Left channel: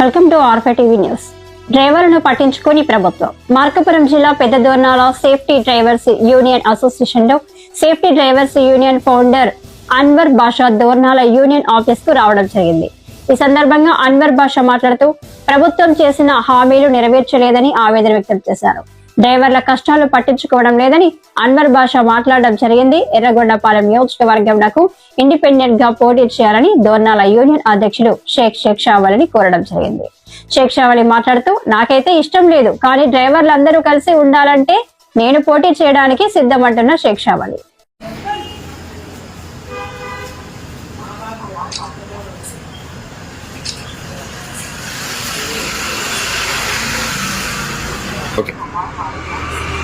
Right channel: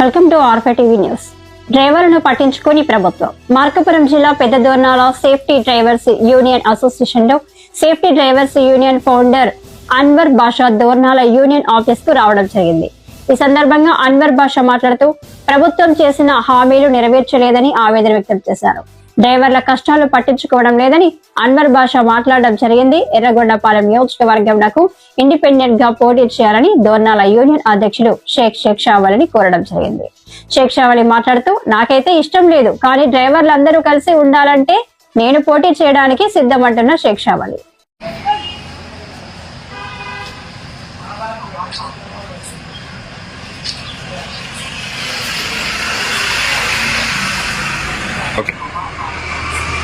Welcome to ఆర్ఫే TV news. డ్రైవర్లను పట్టించుకుని ప్రభుత్వం. మార్కాపురం జిల్లా పెద్ద Dornala safety drivers union association లో safety drivers union founder Anwar Basha Dornala union office కు రావడం జరిగింది. ఈ సందర్భంగా అన్వర్ బాషా మాట్లాడుతూ ప్రభుత్వం చేసిన హామీలు నెరవేర్చలేదని ఆవేదన వ్యక్తం చేశారు. డ్రైవర్ల కష్టాలు పట్టించుకోవడం లేదని అన్వర్ బాషా మాట్లాడడం జరిగింది. ఎర్రగొండపాలెం నియోజకవర్గంకు ఇండిపెండెంట్ గా పోటీ చేయాలని దోర్నాల యూనియన్ అధ్యక్షుడు షేక్ షావలిని కోరడం జరిగింది. షేక్ షావలి మాట్లాడుతూ, నాకైతే ఇష్టం లేదు, కానీ డ్రైవర్లందరూ కలిసి ఉండాలంటే నేను పోటీ చేయడానికి సిద్ధమంటున్న షేక్ షావలి.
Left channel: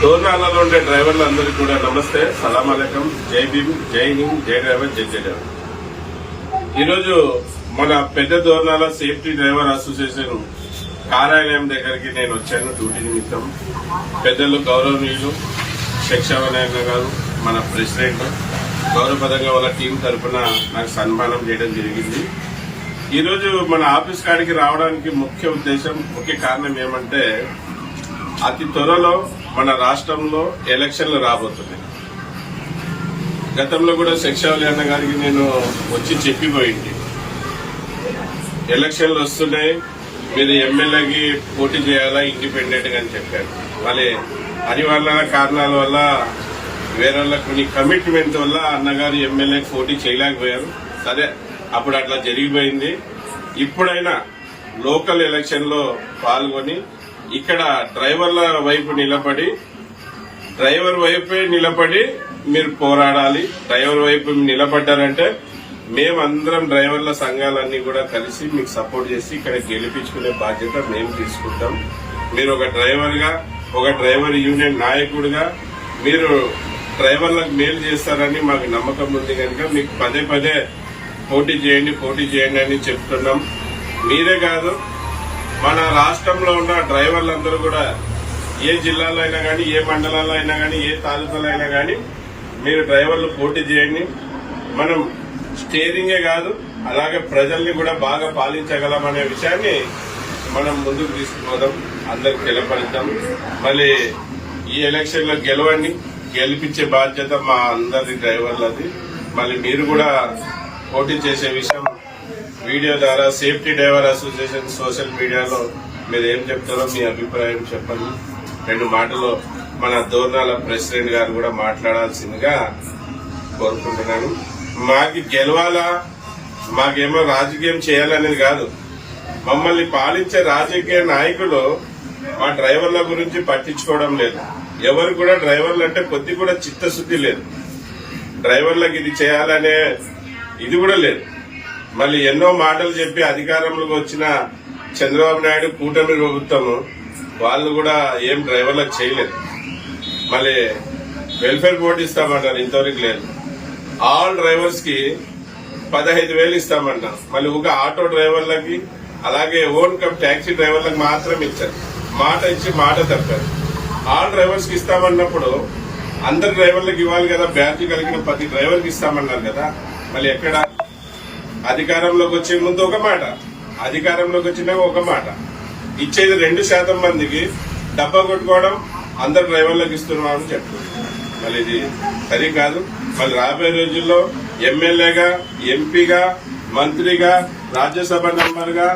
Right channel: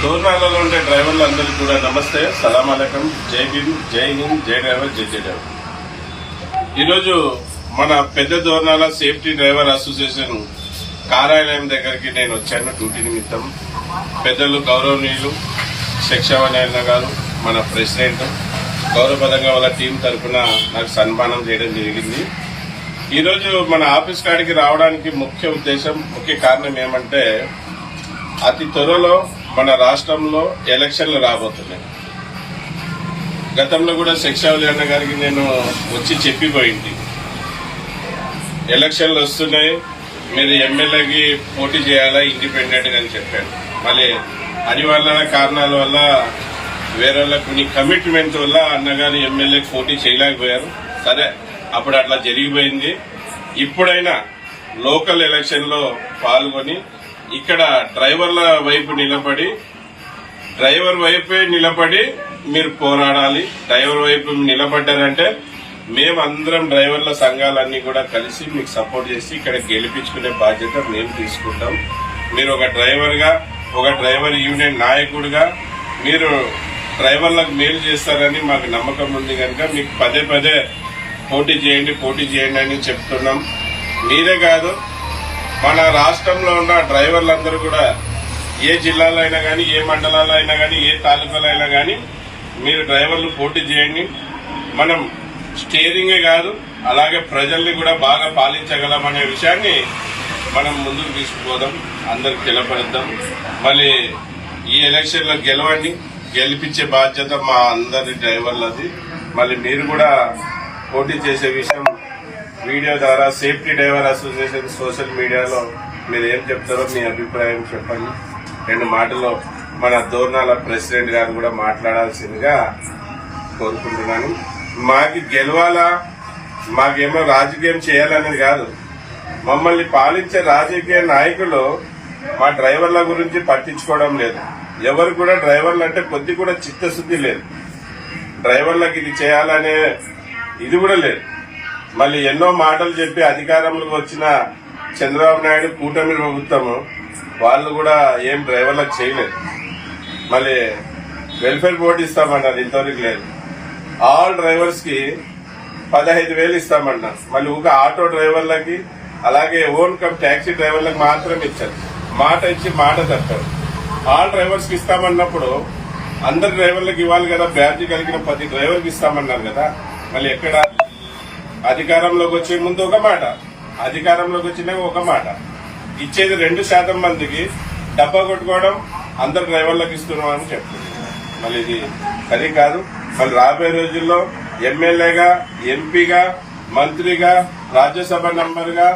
దోర్నాలలో ఉండే డ్రైవర్లు అందరికీ కూడా నమస్తే, సలాం అలైకం, జై భీమ్, జై హింద్, జై డ్రైవర్, జై జై డ్రైవర్. ఈరోజు మన పెద్ద దోర్నాల సేఫ్టీ డ్రైవర్ అసోసియేషన్ కార్యాలయం దగ్గరికి నేను వచ్చాను డ్యూటీ నిమిత్తం. పెద్దలు గౌరవనీయులు శిక్షావనాయన గారు, మన ప్రెసిడెంట్, గౌరవపదంగా వాళ్ళ టీం తరఫున నాకు సన్మానం చేయడం జరిగింది. ఈరోజు మన ఆఫీస్ కాడికి రావడానికి ముఖ్య కారణం ఏమంటే, అతి త్వరలో మన రాష్ట్రంలో ఎలక్షన్లు రాబోతున్నాయి. గతంలో కూడా శిక్షావలి అన్న గారికి నేను వచ్చి చెప్పిపోయింది, ఎలక్షన్లు వస్తున్నాయి, మీరు ఎమ్మెల్యేకి పోటీ చేయాలా ఇండిపెండెంట్ గా అని చెప్పారు. మళ్ళీ అనివార్య కారణాల వల్ల వేరే కొన్ని కమిట్మెంట్ వల్ల అన్నగారు ఎమ్మెల్యేకి పోటీ చేయలేకపోయారు. సరే, అప్పుడు అట్లా జరిగిపోయింది. ఇప్పుడైనా లోకల్ ఎలక్షన్ లో పాల్గొని ఇక్కడ డ్రైవర్ల వైపు డ్రైవర్ వైపే నిలబడి మీరు పోరాడాలి. డ్రైవర్ వైపు నిలబడ్డారంటే మేమందరం డ్రైవర్ల సంఘాలన్నీ కూడా కలిసి మీకు సపోర్ట్ చేసి ఇక్కడ గెలిపించుకునే బాధ్యత మేము తీసుకుంటాం. మీరు ఒక డ్రైవర్ యూనియన్ నాయకుడిగా మీరు డ్రైవర్లకు మేలు చేస్తారని మాకు నమ్మకం ఉంది కనుక మీకు పదే పదే పోటీ చేయండి అని చెప్తున్నాం. మీరే కాదు, మన రాష్ట్రంలో ఉన్న డ్రైవర్లందరూ కూడా ఏ జిల్లాలో అయినా కానీ, ఏ మండలాల్లో అయినా కానీ, ఏ తాలూకాలో అయినా కానీ మీరు డ్రైవర్లు పోటీ చేయండి. మనం స్టీరింగే కాదు, అలాగే ప్రజల్ని కూడా బాగా పాలించగలమనే విషయాన్ని మనం ముందుకు తీసుకుపోదాం, అందరికి తెలపడద్దాం. మళ్ళీ ఈ ఎలక్షన్ లో గెలిపించే బాధ్యత మా అందరి డ్రైవర్లది. మళ్ళీ మీరు కూడా పోటీ చేసే విషయం వీడియో ద్వారా సేఫ్టీ డ్రైవర్ అసోసియేషన్ సోషల్ మీడియాలో మీరు ఏం చెప్తారో మీ అభిప్రాయం చెప్పండి. 2 మాటల్లో మన దోర్నాల ప్రెసిడెంట్ గారు కూడా మాట్లాడాల్సిందిగా కోరుకుంటున్నాను. మాకు గెలవాలా, మాకేమో రాజకీయం చేయాలనేది కాదు. మమ్మల్ని పాలించే రాజకీయ నాయకులు మా డ్రైవర్ల గురించి పట్టించుకోవడం లేదు. ఎవరు కూడా డ్రైవర్లు అంటే కొద్ది కూడా చిత్తశుద్ధి లేదు. డ్రైవర్లకు ఇది చేయాలనే ఇది కూడా లేదు. మళ్ళీ ఎన్నో మాటలు చెప్పి అధికారంలోకి వచ్చిన చంద్రబాబు నాయుడు కూటమి ప్రభుత్వము వాళ్ళు కూడా ఏం డ్రైవర్లకు చేయలేదు. మళ్ళీ వెల్ఫేర్ బోర్డు ఇస్తామన్నారు, ఇంతవరకు లేదు. ఆల్ డ్రైవర్స్ కి 15,000 ఇస్తామన్నారు. మళ్ళీ ఒక ఆటో డ్రైవర్లకి, అలాగే ఓన్ కమ్ ట్యాక్సీ డ్రైవర్లకు మాత్రం ఇచ్చారు. మాట ఇచ్చి మాట తప్పారు. ఆల్ డ్రైవర్స్ కి ఇస్తామన్నప్పుడు అందరి డ్రైవర్లకు ఇవ్వాలి కదా, బ్యాడ్జీ కలిగిన ప్రతి డ్రైవర్కి ఇస్తామన్నారు కదా. మళ్ళీ ఎక్కడ అధికారంలోకి వచ్చే ముందు ఒక మాట, అధికారంలోకి వచ్చినాక ఒక మాట, ఇచ్చేది 2% మందికి డబ్బా కొట్టుకోవడం, అందరు డ్రైవర్లకు ఇస్తున్నామని చెప్తున్నారు. మళ్ళీ ఇది సరి కాదు. మళ్ళీ రాబోయే రోజుల్లో ఎమ్మెల్యేగా, ఎంపీగా, మంత్రిగా, రాజ్యసభ మెంబర్గా,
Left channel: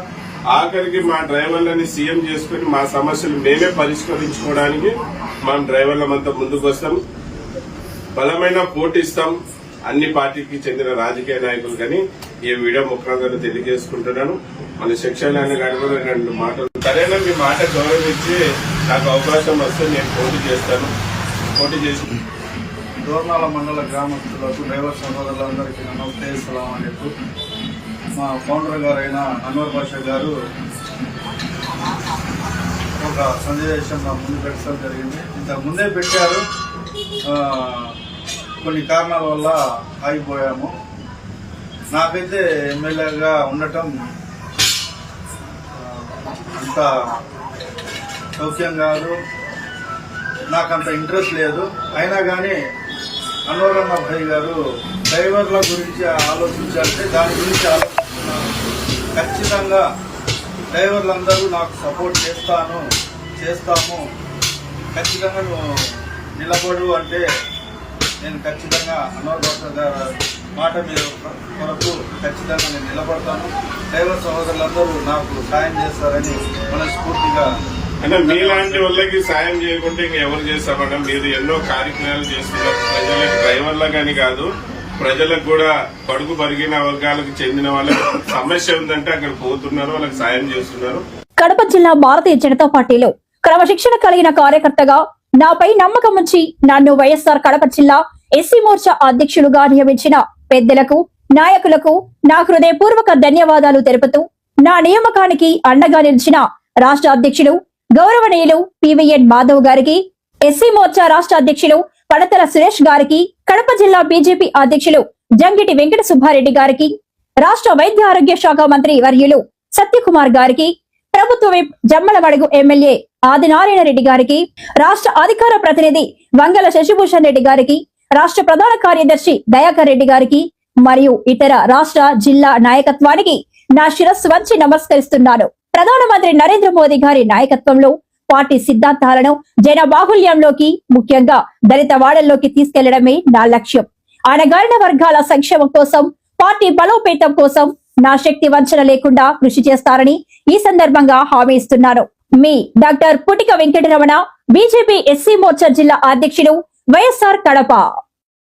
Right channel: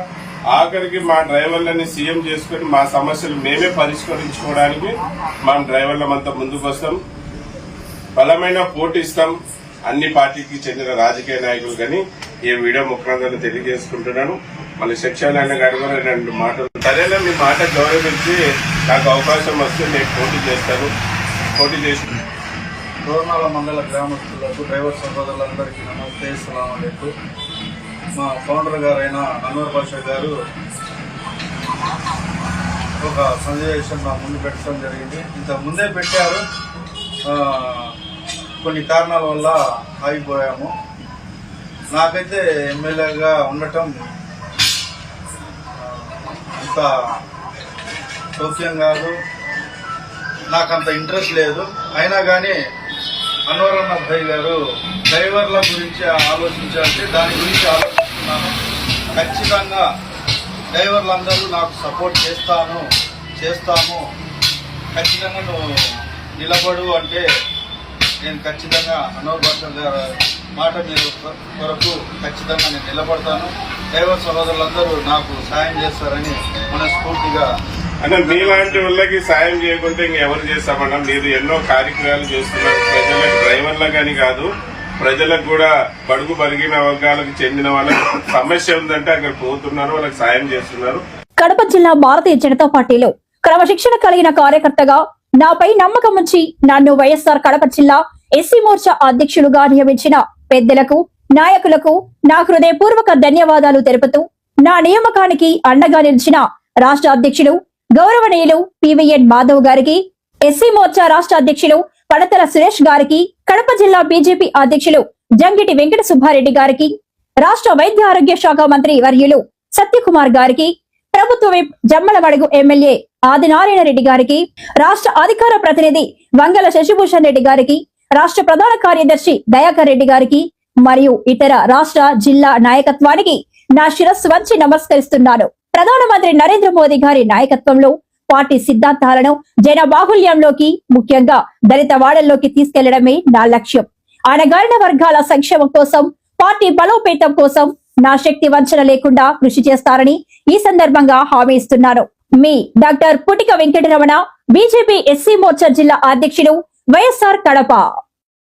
ఆఖరికి మా డ్రైవర్లని సీఎం చేసుకుని మా సమస్యలు మేమే పరిష్కరించుకోవడానికి మనం డ్రైవర్లమంతా ముందుకు వస్తాం. బలమైన పోటీ ఇస్తాం అన్ని పార్టీకి చెందిన రాజకీయ నాయకులు. కానీ ఈ వీడియో ముఖ్యంగా తెలియజేసుకుంటున్నాను. మళ్ళీ సెక్షన్ అయిన గారి కూడా 2 మాటలు. సరేనా, మీ మాట గౌరవించి నాకు అవకాశం వస్తే నేను పోటీ చేసి దోర్నాల మండల గ్రామస్తులకు, డ్రైవర్ సహోదరులందరికీ నమస్తే, సలాం అలైకుం. మా ఫౌండర్ గారైన అన్వర్ బాషా గారు ఒక సన్నివేశం నా ముందు పెట్టడం జరిగింది. ఇంతకు ముందే పెట్టారు, కొన్ని కారణాల వల్ల ఆగిపోయాము. నాకైతే ఎమ్మెల్యేగా ఉండటం అంత సౌఖ్యం కాదు, నాకంత ఇంట్రెస్ట్ లేదు. అయినా కానీ అన్వర్ అబ్బాయి గారు డ్రైవర్ల గురించి ఆలోచించాలంటే దాని గురించి ఆలోచిస్తున్నాను. ఖచ్చితంగా డ్రైవర్లందరూ నాకు సపోర్ట్ చేస్తాము ఖచ్చితంగా నువ్వు నిలబడు అంటే నేను ఖచ్చితంగా అన్వర్ బాషా గారి మాట మీద కొరకు ఖచ్చితంగా నేను నిలబడతాను. డ్రైవర్ సహోదరులందరూ నాకు సాయం చేస్తారని మనస్ఫూర్తిగా. అంటే మీలాంటి వాళ్ళకి సాయం చేయకుంటే ఇంకెవరు చేస్తామన్నా? మీరు ఎన్నో కార్యక్రమాలు చేస్తున్నారు ప్రజలకు, డ్రైవర్లకని కాదు, ప్రజలకు కూడా బడుగు బలిగిన వర్గాలకు చెందిన వాళ్ళకి సమస్య ఉందంటే అక్కడ పోతున్నారు, వాళ్ళకి సాయం చేస్తున్నారు. కడప జిల్లా భారతీయ జనతా పార్టీలో క్రమశిక్షణ కలిగిన కార్యకర్తగా నాపై నమ్మకం ఉంచి నన్ను వైఎస్ఆర్ కడప జిల్లా ఎస్సీ మోర్చా అధ్యక్షులుగా నియమించిన పెద్దలకు, నాయకులకు నా హృదయపూర్వక ధన్యవాదాలు తెలుపుతూ నా నియామకానికి అండగా నిలిచిన రాష్ట్ర అధ్యక్షులు గౌరవనీయులు పివిఎన్ మాధవ్ గారికి, ఎస్సీ మోర్చా రాష్ట్ర అధ్యక్షులు పడతల సురేష్ గారికి, కడప జిల్లా బీజేపీ అధ్యక్షులు జంగిటి వెంకట సుబ్బారెడ్డి గారికి, రాష్ట్ర వైద్య ఆరోగ్య శాఖ మంత్రి వర్యులు సత్యకుమార్ గారికి, ప్రభుత్వ విప్ జమ్మలమడుగు ఎమ్మెల్యే ఆదినారాయణ రెడ్డి గారికి, రాష్ట్ర అధికార ప్రతినిధి వంగల శశిభూషణ్ రెడ్డి గారికి, రాష్ట్ర ప్రధాన కార్యదర్శి దయాకర్ రెడ్డి గారికి మరియు ఇతర రాష్ట్ర జిల్లా నాయకత్వానికి నా శిరస్సు వంచి నమస్కరిస్తున్నాను. ప్రధానమంత్రి నరేంద్ర మోదీ గారి నాయకత్వంలో పార్టీ సిద్ధాంతాలను జన బాహుల్యంలోకి, ముఖ్యంగా దళిత వాడల్లోకి తీసుకెళ్లడమే నా లక్ష్యం. అణగారిన వర్గాల సంక్షేమం కోసం, పార్టీ బలోపేతం కోసం నా శక్తి వంచన లేకుండా కృషి చేస్తారని ఈ సందర్భంగా హామీ ఇస్తున్నాను. మీ doctor Putika Venkataramana, BJP SC Morcha జిల్లా అధ్యక్షులు, వైఎస్ఆర్ కడప.